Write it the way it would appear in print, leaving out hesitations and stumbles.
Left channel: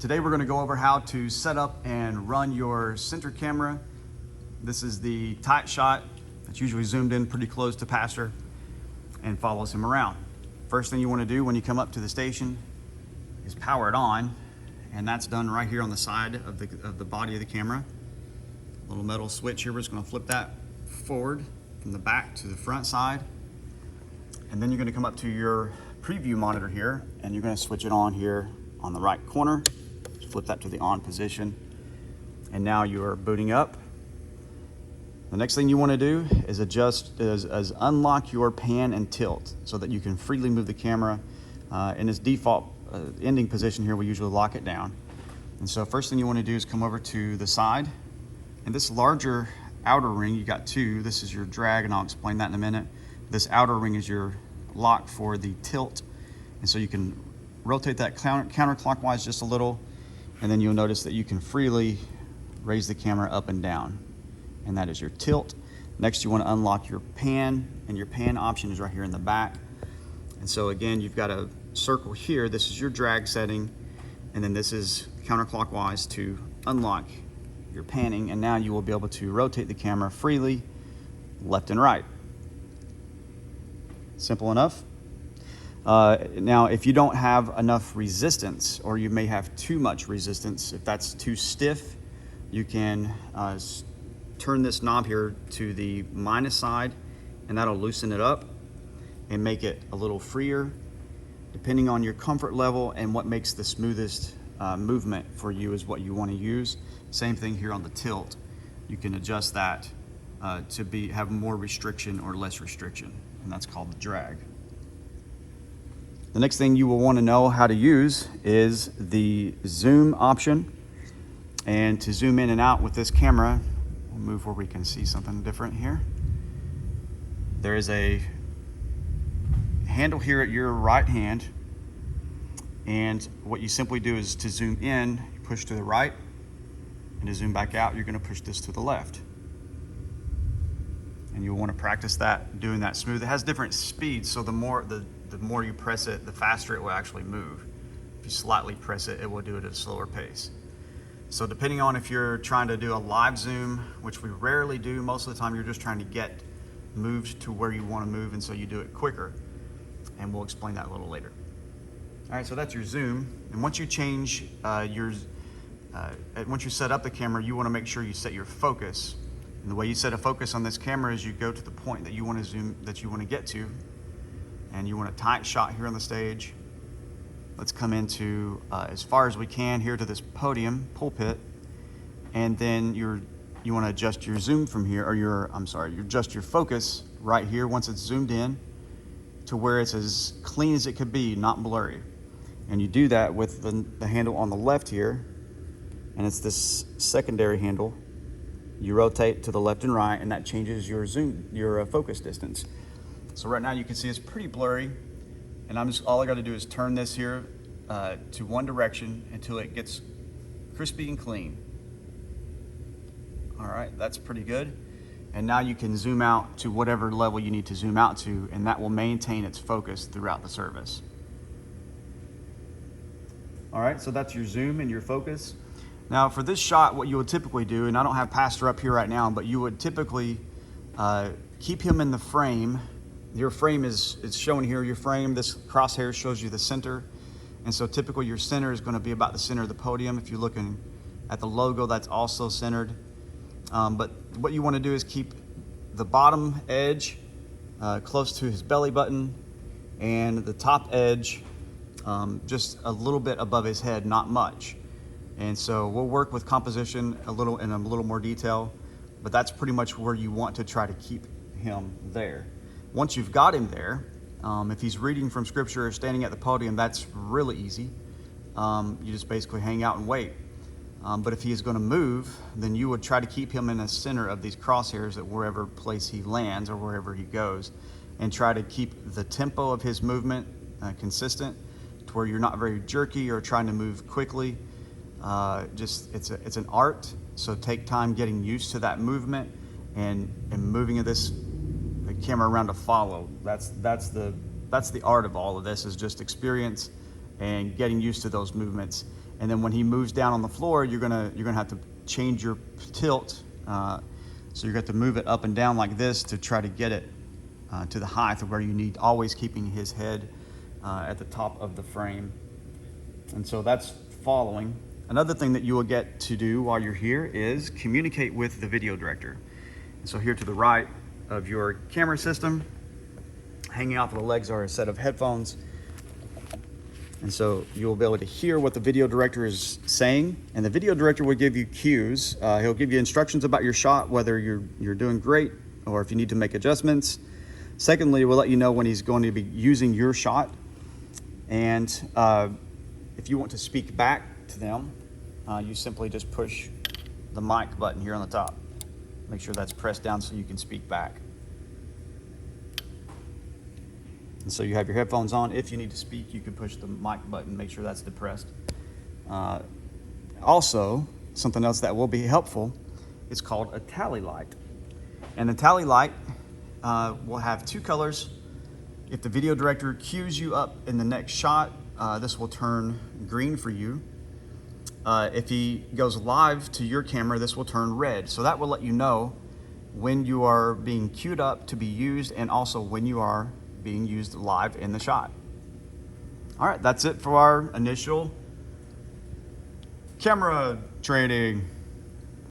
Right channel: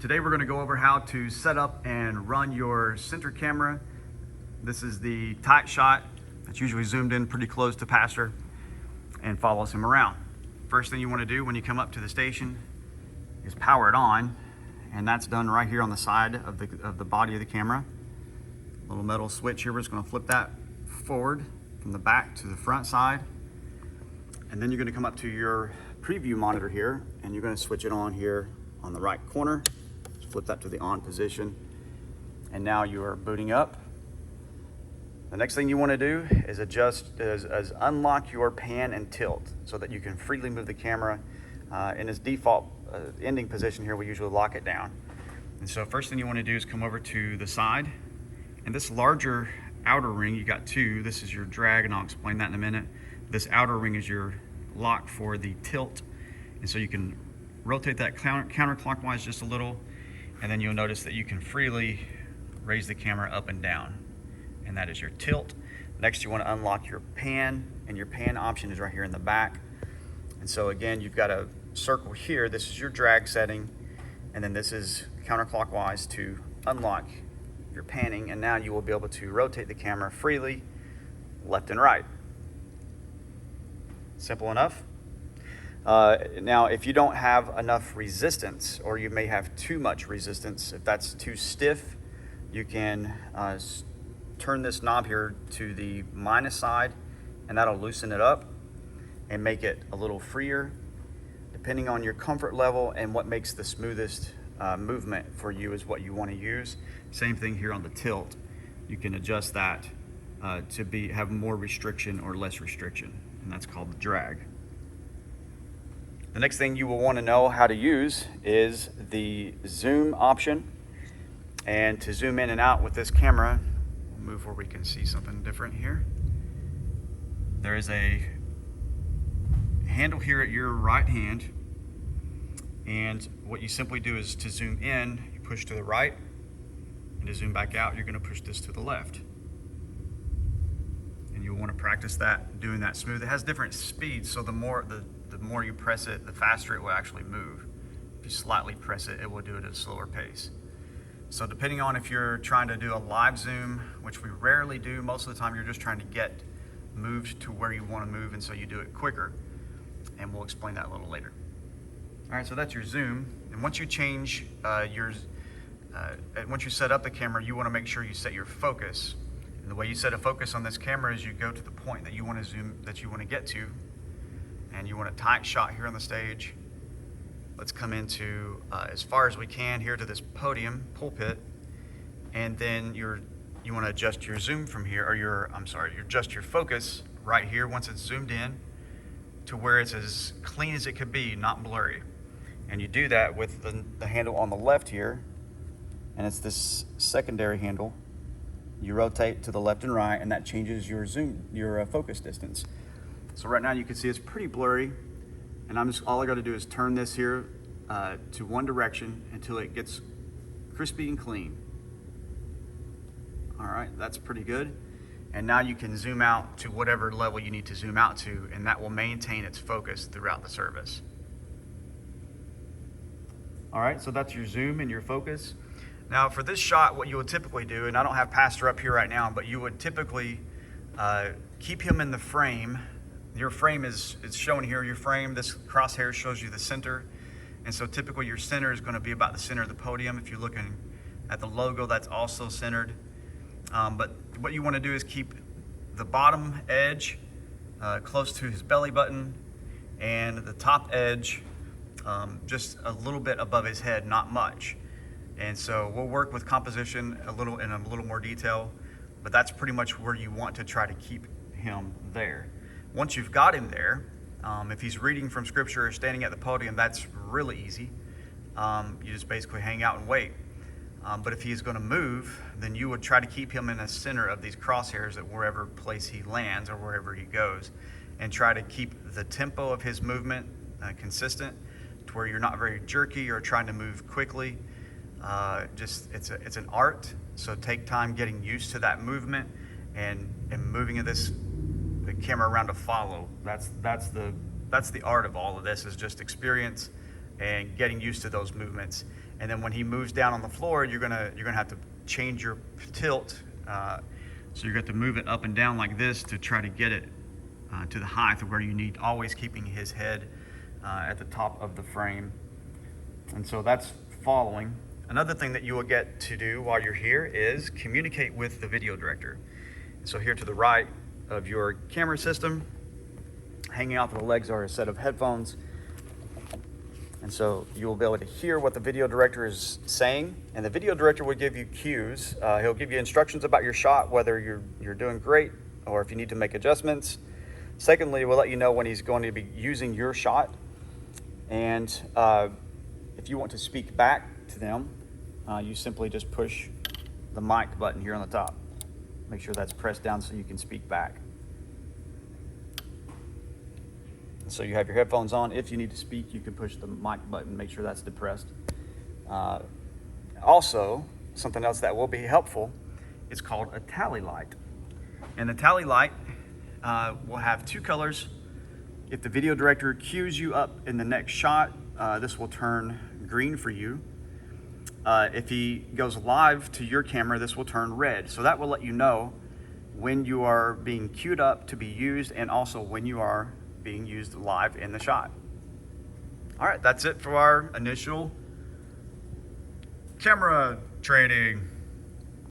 Today we're going to go over how to set up and run your center camera. This is the tight shot that's usually zoomed in pretty close to Pastor and follows him around. First thing you want to do when you come up to the station is power it on, and that's done right here on the side of the body of the camera. Little metal switch here, we're just going to flip that forward from the back to the front side, and then you're going to come up to your preview monitor here and you're going to switch it on here on the right corner. Flip that to the on position, and now you are booting up. The next thing you want to do is unlock your pan and tilt so that you can freely move the camera. In its default ending position here, we usually lock it down. And so first thing you want to do is come over to the side, and this larger outer ring, you got two. This is your drag, and I'll explain that in a minute. This outer ring is your lock for the tilt, and so you can rotate that counterclockwise just a little, and then you'll notice that you can freely raise the camera up and down, and that is your tilt. Next, you want to unlock your pan, and your pan option is right here in the back. And so again, you've got a circle here. This is your drag setting, and then this is counterclockwise to unlock your panning, and now you will be able to rotate the camera freely left and right. Simple enough. Now, if you don't have enough resistance, or you may have too much resistance, if that's too stiff, you can turn this knob here to the minus side, and that'll loosen it up and make it a little freer, depending on your comfort level and what makes the smoothest movement for you is what you want to use. Same thing here on the tilt. You can adjust that to have more restriction or less restriction, and that's called the drag. The next thing you will want to know how to use is the zoom option. And to zoom in and out with this camera, we'll move where we can see something different here. There is a handle here at your right hand, and what you simply do is to zoom in, you push to the right, and to zoom back out, you're going to push this to the left. And you'll want to practice that, doing that smooth. It has different speeds, so the more you press it, the faster it will actually move. If you slightly press it, it will do it at a slower pace. So depending on if you're trying to do a live zoom, which we rarely do, most of the time you're just trying to get moved to where you want to move, and so you do it quicker. And we'll explain that a little later. All right, so that's your zoom. And once you change once you set up the camera, you want to make sure you set your focus. And the way you set a focus on this camera is you go to the point that you want to zoom, that you want to get to, and you want a tight shot here on the stage. Let's come into as far as we can here to this pulpit, and then you want to adjust your zoom from here, or you adjust your focus right here once it's zoomed in to where it's as clean as it could be, not blurry. And you do that with the handle on the left here, and it's this secondary handle. You rotate to the left and right, and that changes your focus distance. So right now you can see it's pretty blurry, and all I got to do is turn this here to one direction until it gets crispy and clean. All right, that's pretty good. And now you can zoom out to whatever level you need to zoom out to, and that will maintain its focus throughout the service. All right, so that's your zoom and your focus. Now for this shot, what you would typically do, and I don't have Pastor up here right now, but you would typically keep him in the frame. Your frame it's shown here, your frame, this crosshair shows you the center. And so typically your center is going to be about the center of the podium. If you're looking at the logo, that's also centered. But what you want to do is keep the bottom edge close to his belly button, and the top edge just a little bit above his head, not much. And so we'll work with composition in a little more detail, but that's pretty much where you want to try to keep him there. Once you've got him there, if he's reading from scripture or standing at the podium, that's really easy. You just basically hang out and wait. But if he's going to move, then you would try to keep him in the center of these crosshairs at wherever place he lands or wherever he goes, and try to keep the tempo of his movement consistent to where you're not very jerky or trying to move quickly. It's an art, so take time getting used to that movement and moving this camera around to follow. That's the art of all of this, is just experience and getting used to those movements. And then when he moves down on the floor, you're gonna have to change your tilt. So you're going to move it up and down like this to try to get it to the height of where you need, always keeping his head at the top of the frame. And so that's following. Another thing that you will get to do while you're here is communicate with the video director. So here to the right of your camera system, hanging off of the legs are a set of headphones. And so you'll be able to hear what the video director is saying, and the video director will give you cues. He'll give you instructions about your shot, whether you're doing great or if you need to make adjustments. Secondly, we'll let you know when he's going to be using your shot. And if you want to speak back to them, you simply just push the mic button here on the top. Make sure that's pressed down so you can speak back. And so you have your headphones on. If you need to speak, you can push the mic button, make sure that's depressed. Also, something else that will be helpful is called a tally light. And the tally light will have two colors. If the video director cues you up in the next shot, this will turn green for you. If he goes live to your camera, this will turn red. So that will let you know when you are being queued up to be used, and also when you are being used live in the shot. All right, that's it for our initial camera training.